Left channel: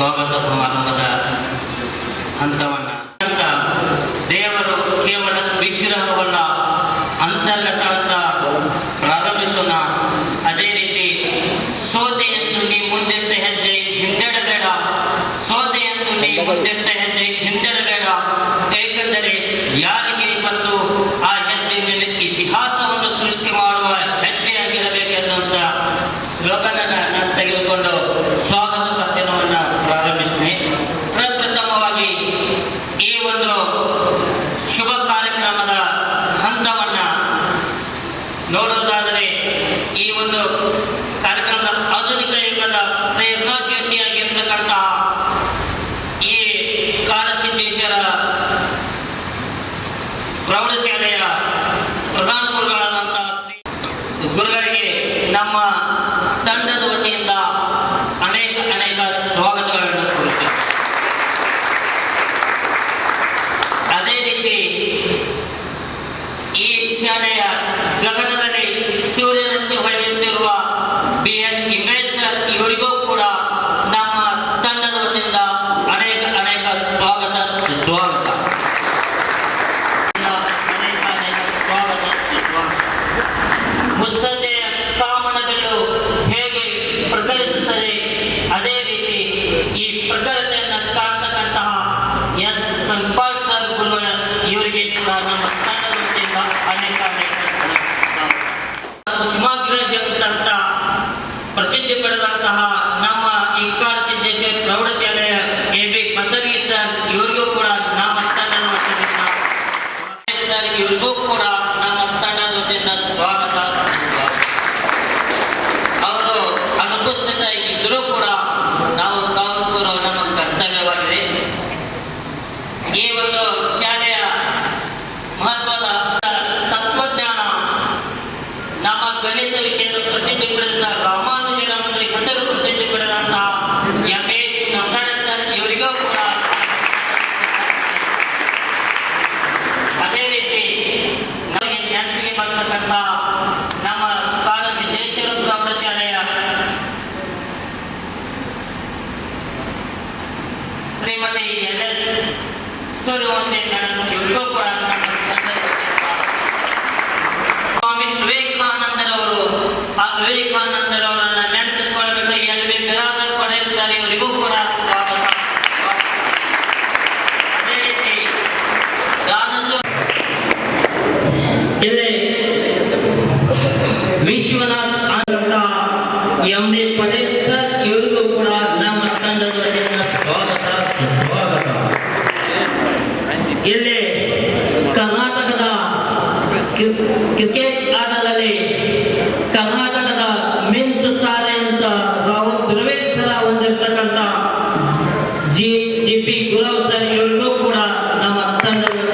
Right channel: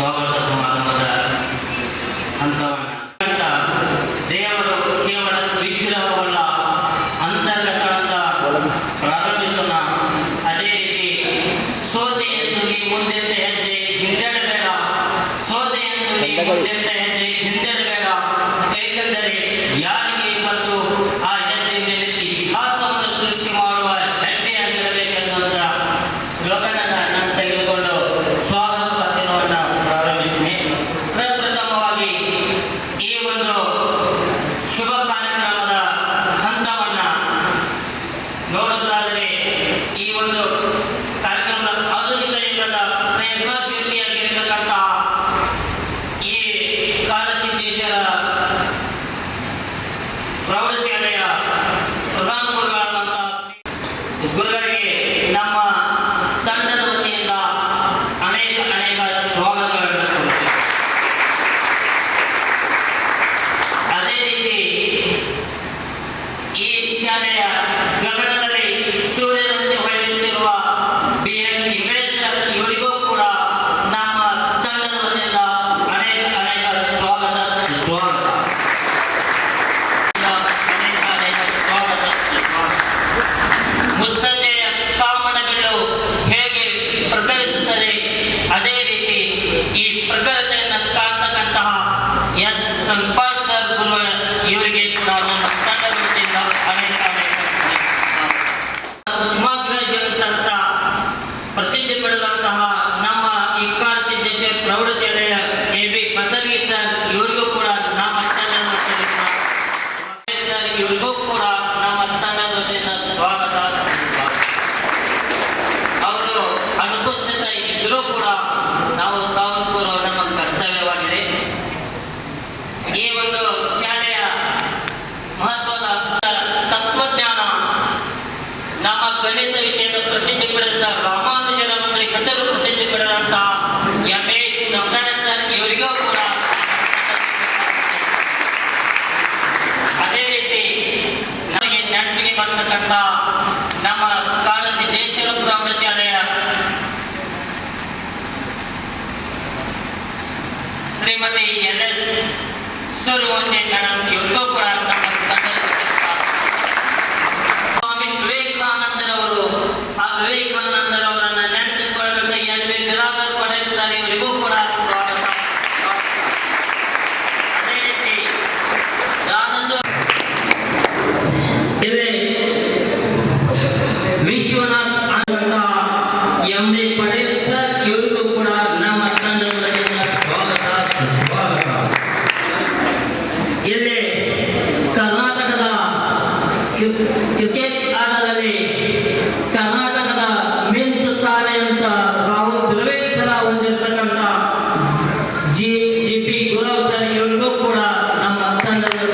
ಸ್ವಾಗತ ಸಮಾರಂಭದ ಹಂತವನ್ನು ದೇವರು ಕೇವಲ ವಿಗ್ರಹವಲ್ಲ, ಅಂತರ್ಗತ ಅಂತ ಪ್ರಾರಂಭಿಸೋಣ. ಅದೇ ರೀತಿ ಸೋದೆಯನ್ನು ನೀ ಮುಂದೆತ್ತ ಹೆಜ್ಜೆ ಹಿಂದೆಡಬೇಡ, ಸೋದೆಯನ್ನು ನೀ ಮುಂದೆತ್ತ ಹೆಜ್ಜೆ ಹಿಂದೆಡಬೇಡ. ಏಕೆಂದರೆ ಯಾರಿಗೆ ಬಂದು ಆ ಹೆಜ್ಜೆ ಮೇಲೆ ಇತಿಹಾಸವನ್ನು ಸೃಷ್ಟಿ ಮಾಡುವ ಹೆಜ್ಜೆಯಾಗಿರಬೇಕೆನ್ನುವಂಥ ಸ್ಲೋಗನನ್ನು ನಾನು ತೆಗೆದುಕೊಂಡು ಸ್ವಾಗತ ಭಾಷಣವನ್ನು ಪ್ರಾರಂಭಿಸ್ತೀನಿ. ಪ್ರಪ್ರಥಮವಾಗಿ ಈ ಒಂದು ಶುಭ ಕಾರ್ಯಕ್ರಮದ ಹಂತವನ್ನು ನೋಡೋದಾದರೆ, ಈ ಒಂದು ಕಾರ್ಯಕ್ರಮದ ಆಧುನಿಕ ಯುಗದ ಪ್ರಯತ್ನಶೀಲಿಯಾಗಿರ್ತಕ್ಕಂತಹ ಈ ಕಾಳಸಿದ್ದೇಶ್ವರ ಪ್ರೌಢಶಾಲೆಯ ಪ್ರಧಾನ ಗುರುಗಳಾದಂತಹ ಗುರುಗಳಿಗೆ ನಮ್ಮ ತಂಡದ ವತಿಯಿಂದ ಅನೇಕ ಸ್ವಾಗತಗಳನ್ನು ಕೊಡುತ್ತೇವೆ. ಅದೇ ರೀತಿ ಈ ಶಾಲೆಯ ಗಗನದಲ್ಲಿ ಸೂರ್ಯನಂತೆ ಹೊಳೆಯುತ್ತಿರುವ BN ಇಂಗ್ಲಿಷ್ ಇವರಿಗೂ ಕೂಡ ನಮ್ಮ ತಂಡದ ವತಿಯಿಂದ ಅನೇಕ ಸ್ವಾಗತ. ಮುತ್ಸಂಜೆಯ ಕಾಮನಬಿಲ್ಲು ಹೇಗೆ ಪ್ರಕರಿಸುತ್ತದೆ, ಅದೇ ರೀತಿ ಈ ಪ್ರಖರತೆಯನ್ನು ಕಾಣ್ತಕ್ಕಂತಹ ಎಸ್ ಸಂಪಾಲ್ ಸರ್ ಗುರುಗಳ ಇವರಿಗೆ ಕೂಡ ನಮ್ಮ ತಂಡದ ವತಿಯಿಂದ ಅನೇಕ ಕುಸುಮಾಗ್ರಜಂತ ಪ್ರಸಿದ್ಧಿ ಪಡೆದಂತಹ ನಮ್ಮ ಈ ಕಾಳಸಿದ್ದೇಶ್ವರ ಪ್ರೌಢಶಾಲೆಯ AB ಬಸರಿ ಸರ್ ಇವರಿಗೂ ಕೂಡ ನಮ್ಮ ತಂಡದ ವತಿಯಿಂದ ಸರ್ ಇವರಿಗೂ ಕೂಡ ನಮ್ಮ ತಂಡದ ವತಿಯಿಂದ ಸ್ವಾಗತ. ಅವರು ಅನುಪಸ್ಥಿತ ಇದ್ದರೂ ಕೂಡ ನಾವು ಸ್ವಾಗತ ನಮ್ಮ ಕರ್ತವ್ಯವಾಗಿದೆ. ಈ ಒಂದು ಶಾಲೆಯ ಮಹತ್ವದ ತತ್ವಜ್ಞಾನ, ನಮ್ಮ ಗಣಿತ ವಿಷಯದ ಪ್ರಸಿದ್ಧಿ ಪಡೆದ ರಾಮಾನುಜನ ಒಂದು ಹೆಸರು ಪ್ರಸಿದ್ಧಿ ಪಡೆದಂತಹ MA ಸರ್ ಇವರಿಗೂ ಕೂಡ, ಅದೇ ರೀತಿ ನಮಗೆ ನೆನಪಿಗೆ ಬರ್ತಕ್ಕಂಥ ನಮ್ಮ ಕಾಳಸಿದ್ದೇಶ್ವರ ಪ್ರೌಢಶಾಲೆಯ ಶ್ರೀಮತಿ LS ಸೂರ್ಯವಂಶಿ ಮೇಡಮ್ ಇವರಿಗೂ ಕೂಡ ನಮ್ಮ ಸ್ವಾಮಿ ವಿವೇಕಾನಂದರವರು, ಆ ವಿವೇಕಾನಂದರವರನ್ನ ನೆನಪಿಸಿಕೊಳ್ಳಬೇಕಾಗಿ LB ಬಿರಾದರ್ ಪಟೇಲ್ ಸರ್ ಇವರಿಗೂ ಕೂಡ ಸ್ವಾಗತ. ಅದೇ ರೀತಿ ಇಲ್ಲಿ ವಿಶ್ವನಾಥ್ ಅಂತ MD ಪಟೇಲ್ ಸರ್ ಇವರಿಗೂ ಕೂಡ ನಮ್ಮ ತಂಡದ ವತಿಯಿಂದ ಸ್ವಾಗತ. ಇಲ್ಲಿ ಕರ್ನಾಟಕದ ಕ್ರಿಕೆಟ್ ಆಟದಲ್ಲಿ